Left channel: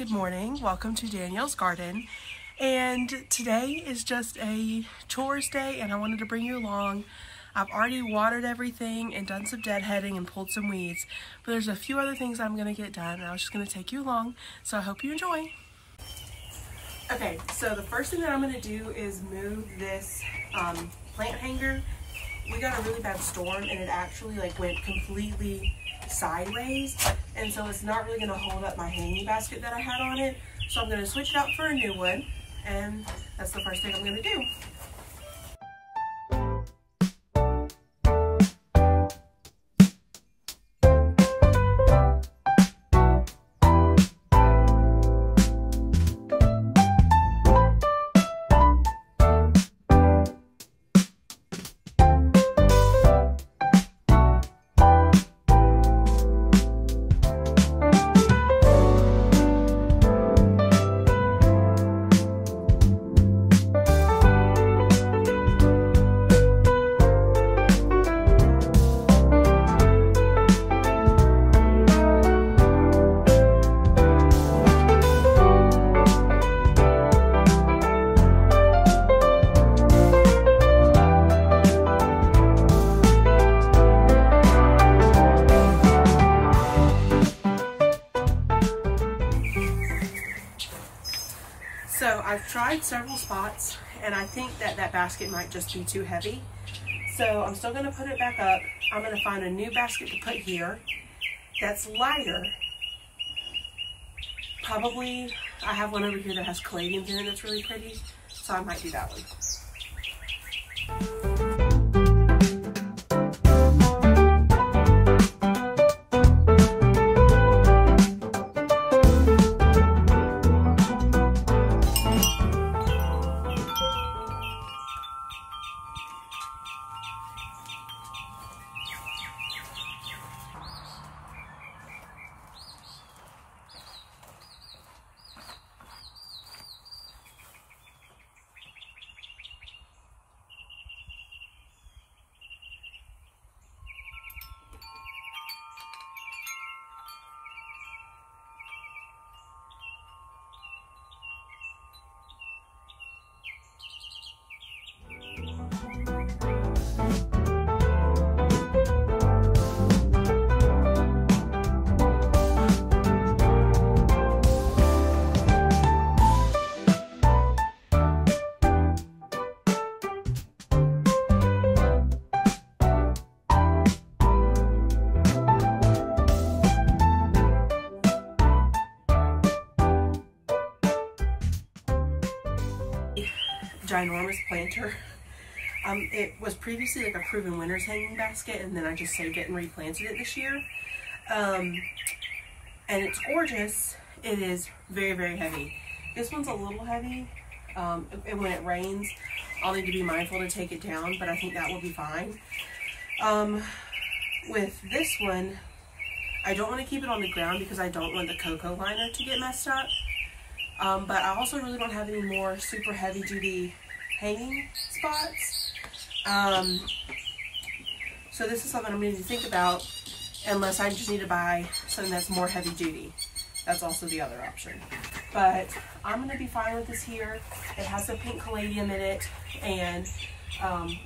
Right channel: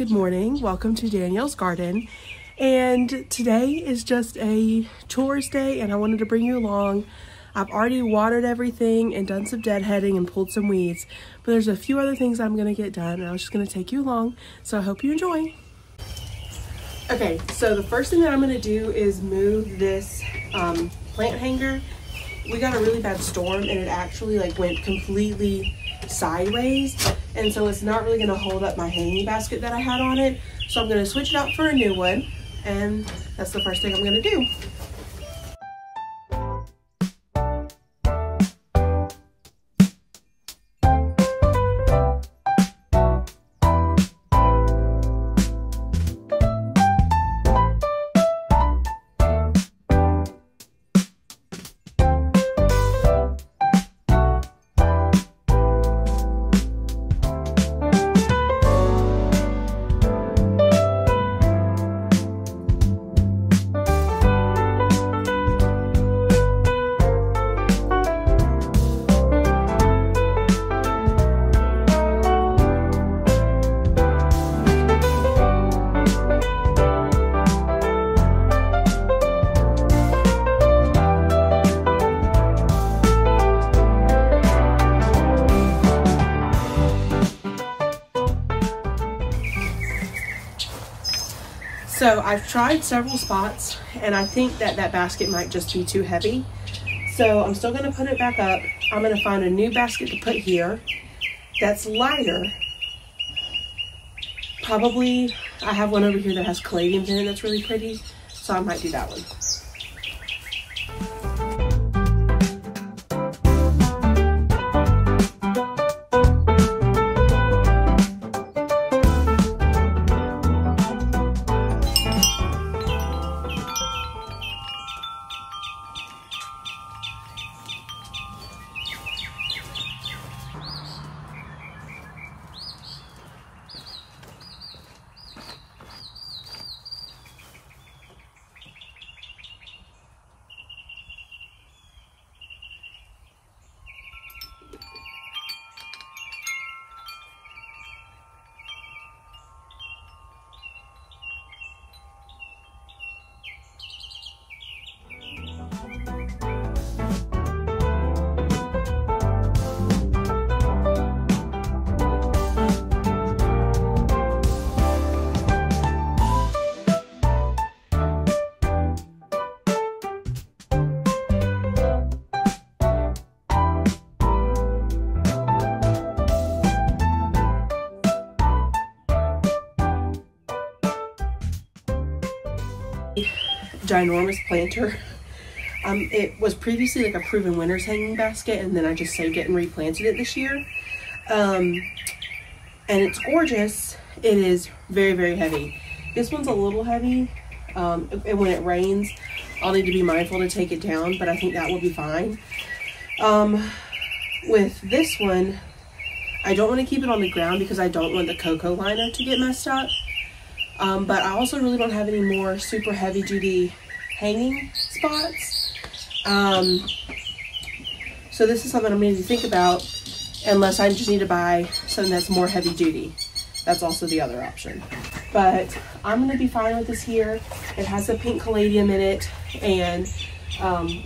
good morning. Welcome to Danielle's garden. And today is just a chores day and I wanted to bring you along. I've already watered everything and done some deadheading and pulled some weeds, but there's a few other things I'm gonna get done and I was just gonna take you along. So I hope you enjoy. Okay, so the first thing that I'm gonna do is move this plant hanger. We got a really bad storm and it actually went completely sideways, and so it's not really going to hold up my hanging basket that I had on it. So I'm going to switch it out for a new one, and that's the first thing I'm going to do. So I've tried several spots and I think that basket might just be too heavy. So I'm still gonna put it back up. I'm gonna find a new basket to put here that's lighter. Probably, I have one over here that has caladiums in it that's really pretty, so I might do that one. Ginormous planter. It was previously a proven winter's hanging basket, and then I just saved it and replanted it this year. And it's gorgeous. It is very, very heavy. This one's a little heavy, and when it rains, I'll need to be mindful to take it down, but I think that will be fine. With this one, I don't want to keep it on the ground because I don't want the cocoa liner to get messed up. But I also really don't have any more super heavy duty hanging spots. So this is something I'm going to think about, unless I just need to buy something that's more heavy duty. That's also the other option. But I'm going to be fine with this here. It has a pink caladium in it, and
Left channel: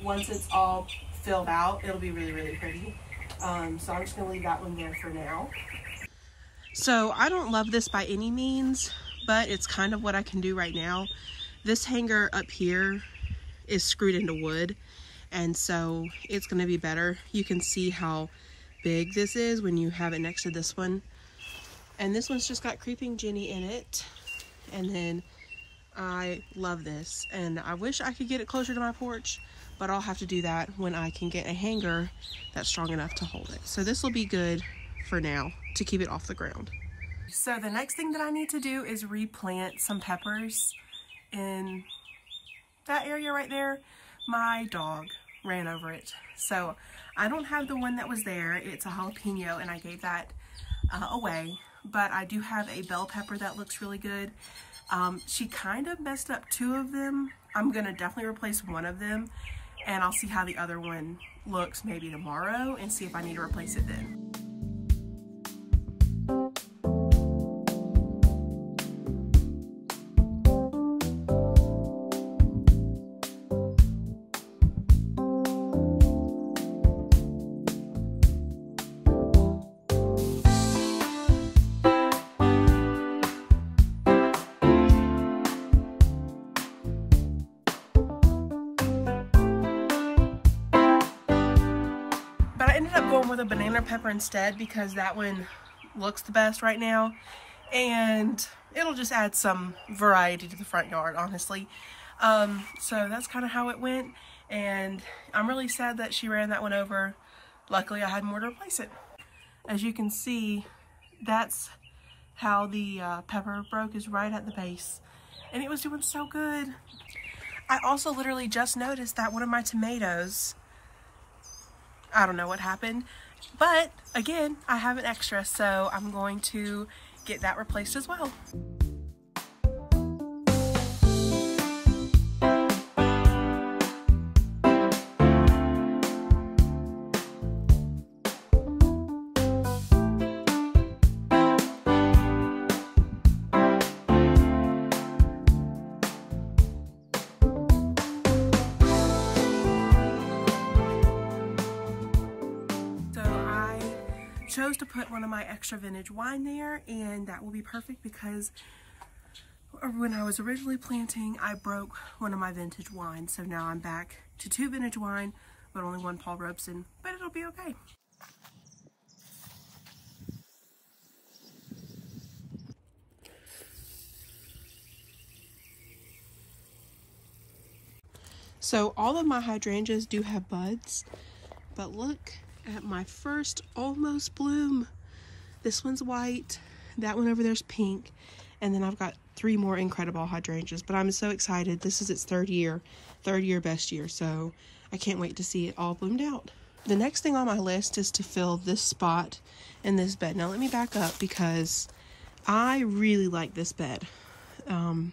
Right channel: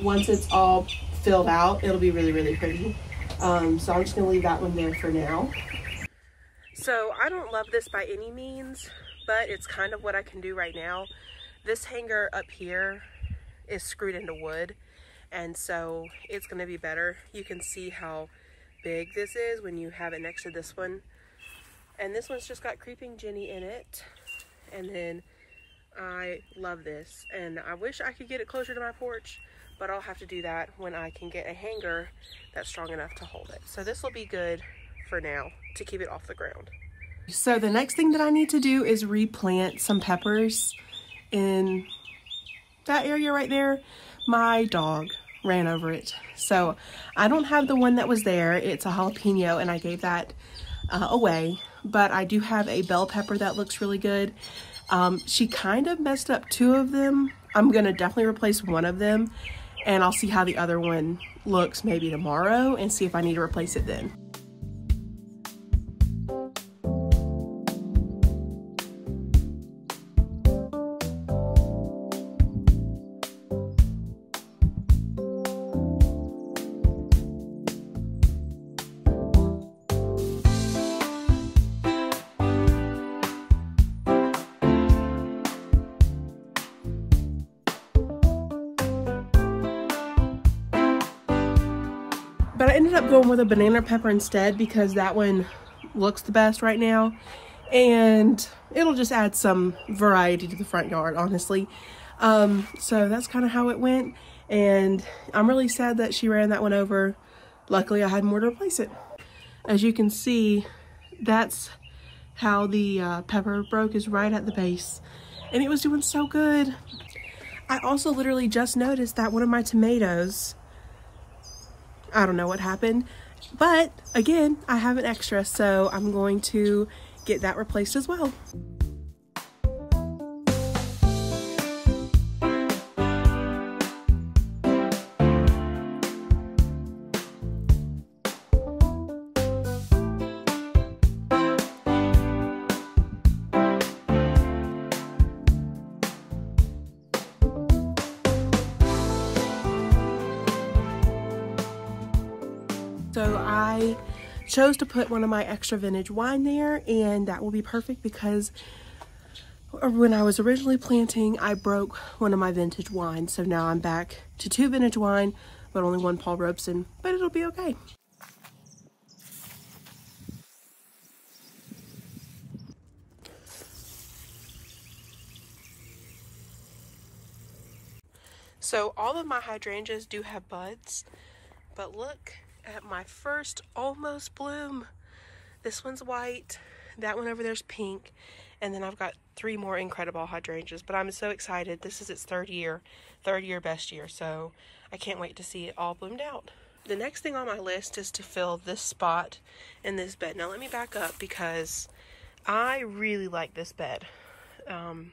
once it's all filled out, it'll be really, really pretty. So I'm just going to leave that one there for now. So I don't love this by any means, but it's kind of what I can do right now. This hanger up here is screwed into wood, and so it's gonna be better. You can see how big this is when you have it next to this one. And this one's just got Creeping Jenny in it. And then I love this, and I wish I could get it closer to my porch, but I'll have to do that when I can get a hanger that's strong enough to hold it. So this will be good for now to keep it off the ground. So the next thing that I need to do is replant some peppers in that area right there. My dog ran over it. So I don't have the one that was there. It's a jalapeno and I gave that away, but I do have a bell pepper that looks really good. She kind of messed up two of them. I'm gonna definitely replace one of them, and I'll see how the other one looks maybe tomorrow, and see if I need to replace it then. But I ended up going with a banana pepper instead because that one looks the best right now. And it'll just add some variety to the front yard, honestly. So that's kind of how it went. And I'm really sad that she ran that one over. Luckily, I had more to replace it. As you can see, that's how the pepper broke, is right at the base. And it was doing so good. I also literally just noticed that one of my tomatoes, I don't know what happened, but again, I have an extra, so I'm going to get that replaced as well. Chose to put one of my extra vintage wine there, and that will be perfect because when I was originally planting, I broke one of my vintage wines. So now I'm back to 2 vintage wine, but only 1 Paul Robeson, but it'll be okay. So all of my hydrangeas do have buds, but look at my first almost bloom. This one's white, that one over there's pink, and then I've got 3 more incredible hydrangeas. But I'm so excited. This is its third year best year, so I can't wait to see it all bloomed out. The next thing on my list is to fill this spot in this bed. Now let me back up because I really like this bed, and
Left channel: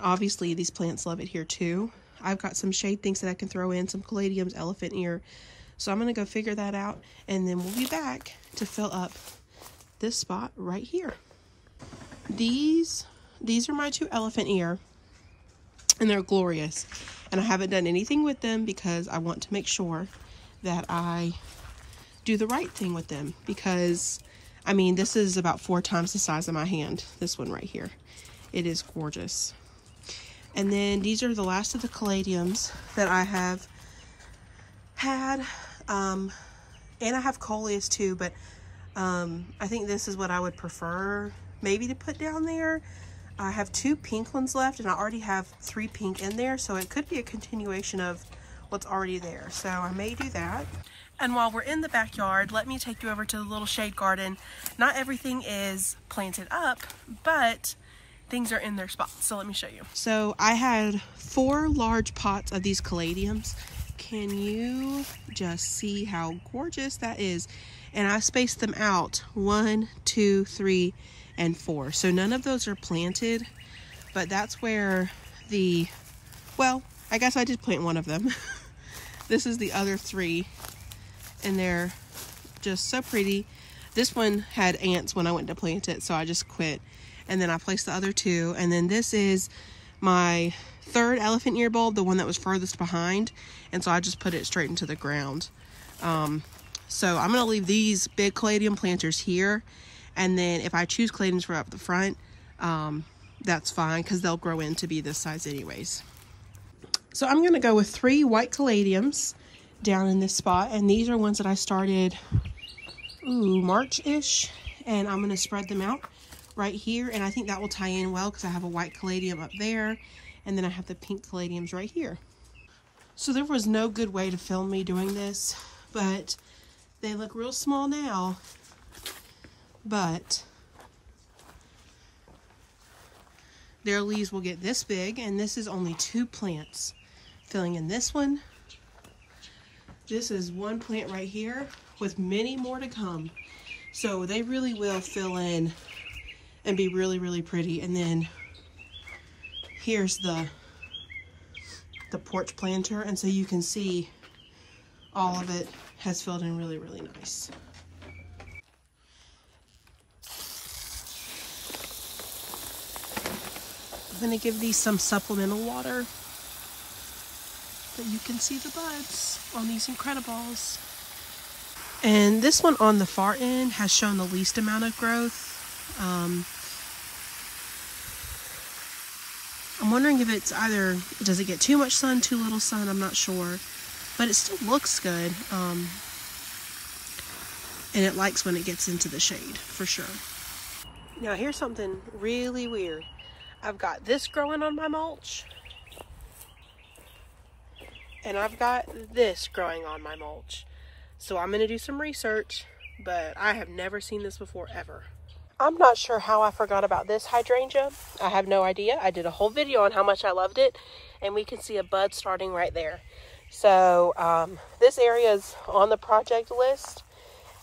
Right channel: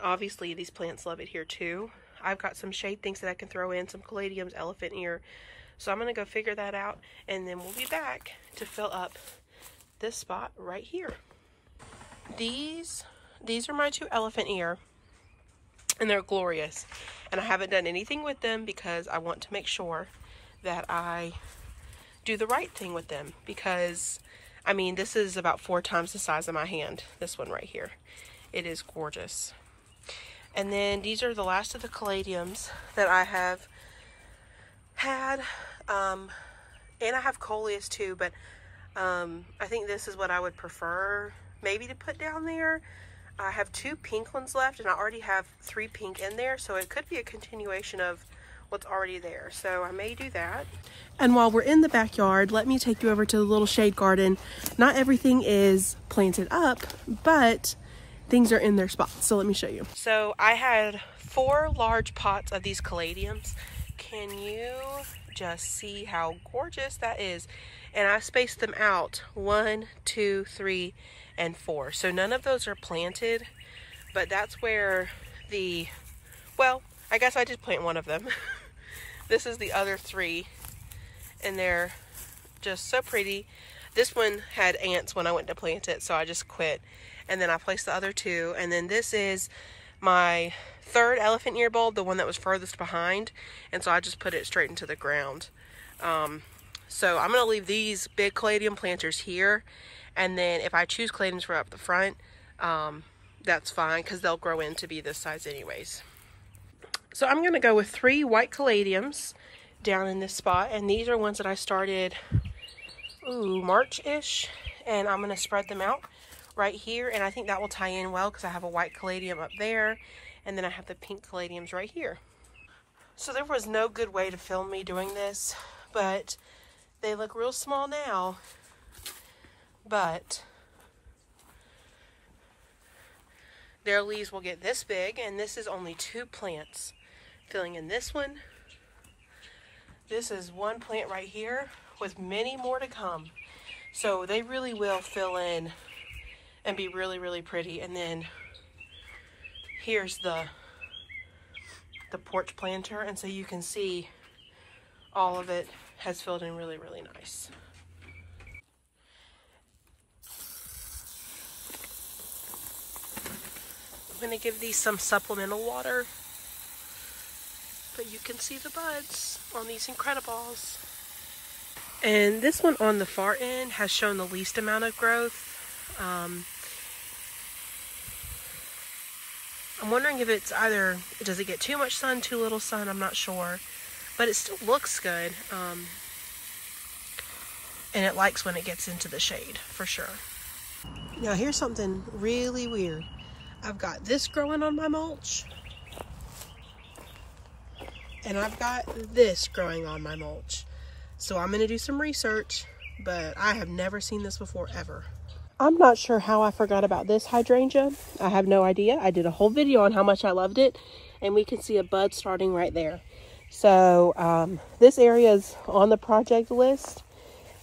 obviously these plants love it here too. I've got some shade things that I can throw in, some caladiums, elephant ear. So I'm going to go figure that out, and then we'll be back to fill up this spot right here. These are my 2 elephant ear, and they're glorious. And I haven't done anything with them because I want to make sure that I do the right thing with them. Because, I mean, this is about 4 times the size of my hand, this one right here. It is gorgeous. And then these are the last of the caladiums that I have had, and I have coleus too, but I think this is what I would prefer maybe to put down there. I have 2 pink ones left, and I already have 3 pink in there, so it could be a continuation of what's already there, so I may do that. And while we're in the backyard, let me take you over to the little shade garden. Not everything is planted up, but things are in their spots, so let me show you. So I had 4 large pots of these caladiums. Can you just see how gorgeous that is? And I spaced them out 1, 2, 3, and 4. So none of those are planted, but that's where well, I guess I did plant one of them. This is the other 3, and they're just so pretty. This one had ants when I went to plant it, so I just quit. And then I placed the other 2, and then this is my 3rd elephant ear bulb, the one that was furthest behind, and so I just put it straight into the ground. So I'm going to leave these big caladium planters here, and then if I choose caladiums for up the front, that's fine because they'll grow in to be this size anyways. So I'm going to go with 3 white caladiums down in this spot, and these are ones that I started March-ish, and I'm going to spread them out right here, and I think that will tie in well because I have a white caladium up there, and then I have the pink caladiums right here. So there was no good way to film me doing this, but they look real small now, but their leaves will get this big, and this is only 2 plants filling in this one. This is 1 plant right here with many more to come. So they really will fill in and be really, really pretty. And then here's the porch planter, and so you can see all of it has filled in really, really nice. I'm going to give these some supplemental water, but you can see the buds on these Incredibles. And this one on the far end has shown the least amount of growth. I'm wondering if it's either, does it get too much sun, too little sun? I'm not sure, but it still looks good. and it likes when it gets into the shade, for sure. Now here's something really weird. I've got this growing on my mulch, and I've got this growing on my mulch. So I'm gonna do some research, but I have never seen this before, ever. I'm not sure how I forgot about this hydrangea. I have no idea. I did a whole video on how much I loved it, and we can see a bud starting right there. So this area is on the project list,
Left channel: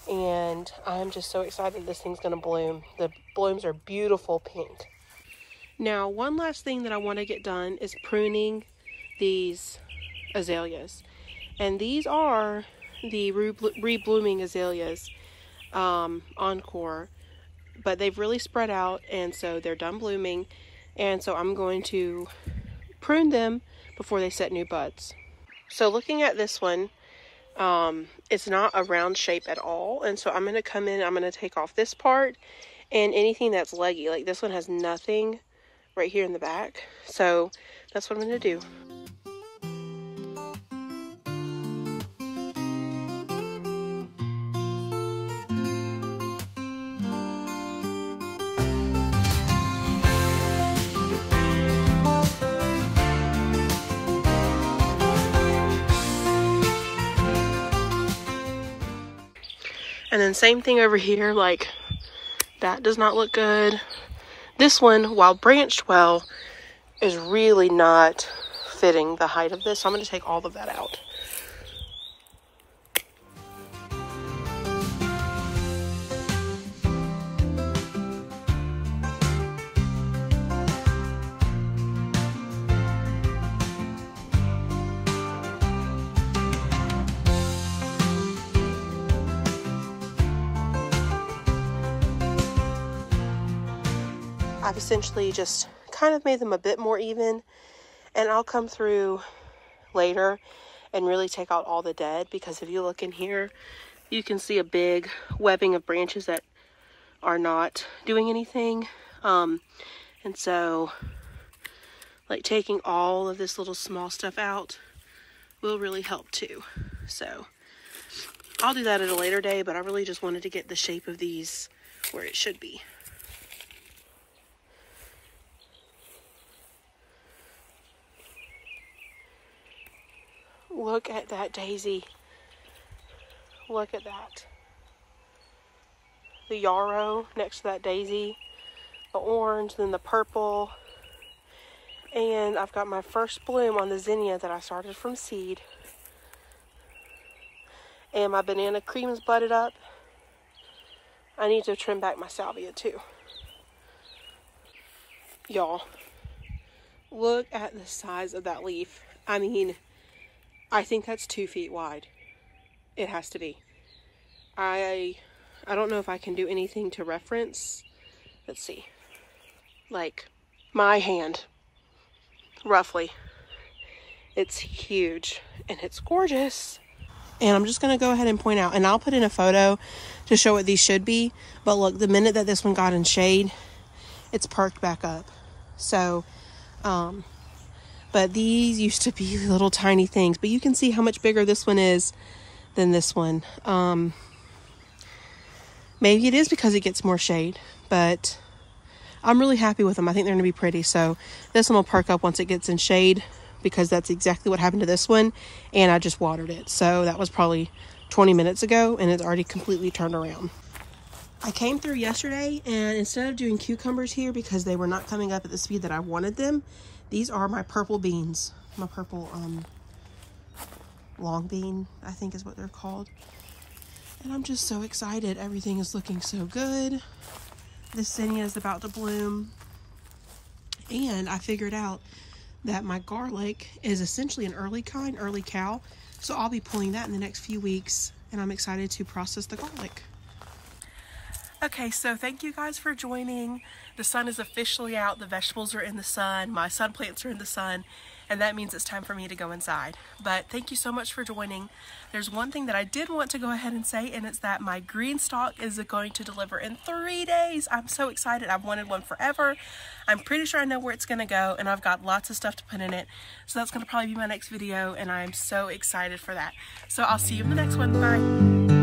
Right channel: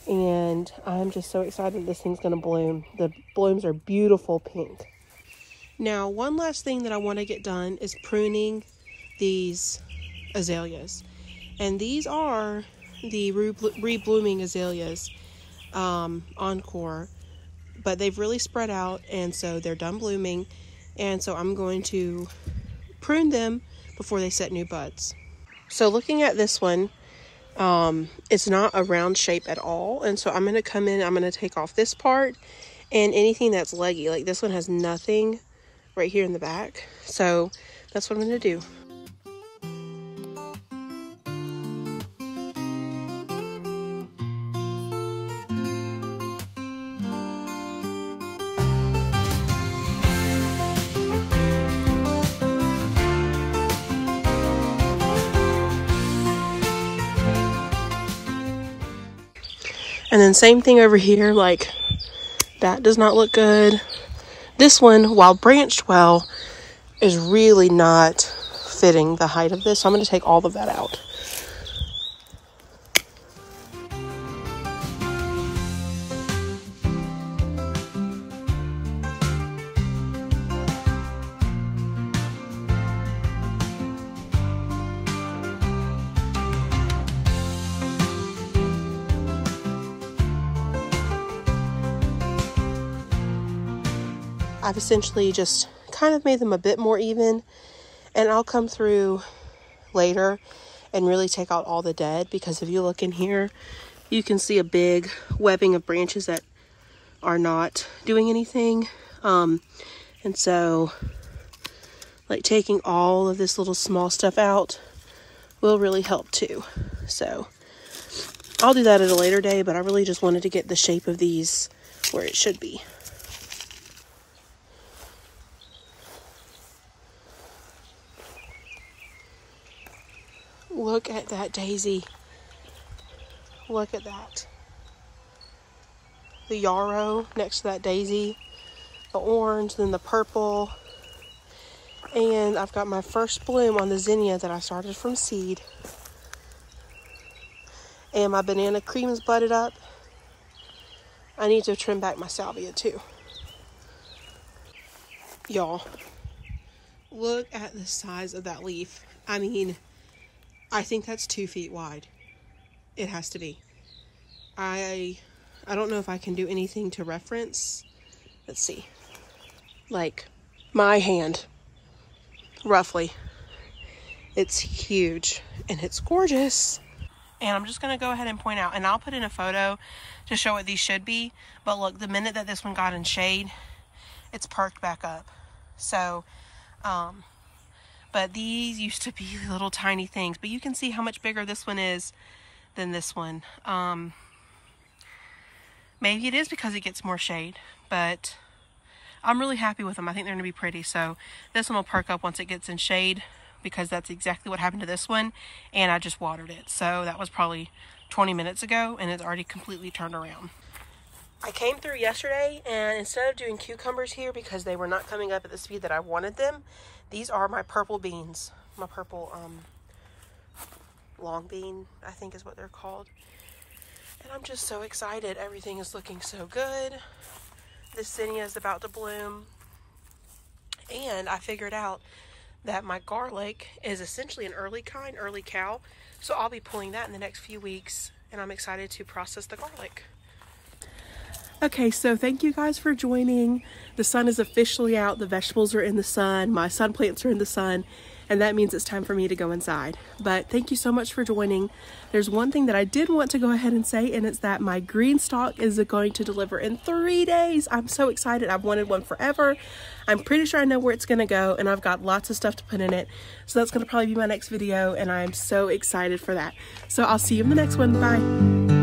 and I'm just so excited this thing's gonna bloom. The blooms are beautiful pink. Now, one last thing that I want to get done is pruning these azaleas, and these are the reblooming azaleas, Encore, but they've really spread out, and so they're done blooming, and so I'm going to prune them before they set new buds. So looking at this one, it's not a round shape at all, and so I'm going to come in, I'm going to take off this part and anything that's leggy. Like this one has nothing right here in the back, so that's what I'm going to do. And then same thing over here, like that does not look good. This one, while branched well, is really not fitting the height of this. So I'm going to take all of that out. I've essentially just kind of made them a bit more even, and I'll come through later and really take out all the dead, because if you look in here, you can see a big webbing of branches that are not doing anything. And so like taking all of this little small stuff out will really help too. So I'll do that at a later day, but I really just wanted to get the shape of these where it should be. Look at that daisy. Look at that. The yarrow next to that daisy. The orange, then the purple. And I've got my first bloom on the zinnia that I started from seed. And my banana cream is budded up. I need to trim back my salvia too. Y'all, look at the size of that leaf. I mean, I think that's 2 feet wide. It has to be. I don't know if I can do anything to reference. Let's see. Like my hand, roughly. It's huge and it's gorgeous. And I'm just going to go ahead and point out, and I'll put in a photo to show what these should be. But look, the minute that this one got in shade, it's perked back up. So, but these used to be little tiny things, but you can see how much bigger this one is than this one. Maybe it is because it gets more shade, but I'm really happy with them. I think they're gonna be pretty. So this one will perk up once it gets in shade, because that's exactly what happened to this one. And I just watered it. So that was probably 20 minutes ago, and it's already completely turned around. I came through yesterday, and instead of doing cucumbers here because they were not coming up at the speed that I wanted them, these are my purple beans. My purple long bean, I think is what they're called. And I'm just so excited. Everything is looking so good. This zinnia is about to bloom. And I figured out that my garlic is essentially an early kind, early cow. So I'll be pulling that in the next few weeks, and I'm excited to process the garlic. Okay, so thank you guys for joining. The sun is officially out. The vegetables are in the sun. My sun plants are in the sun. And that means it's time for me to go inside. But thank you so much for joining. There's one thing that I did want to go ahead and say, and it's that my green stalk is going to deliver in 3 days. I'm so excited. I've wanted one forever. I'm pretty sure I know where it's going to go, and I've got lots of stuff to put in it. So that's going to probably be my next video, and I'm so excited for that. So I'll see you in the next one. Bye.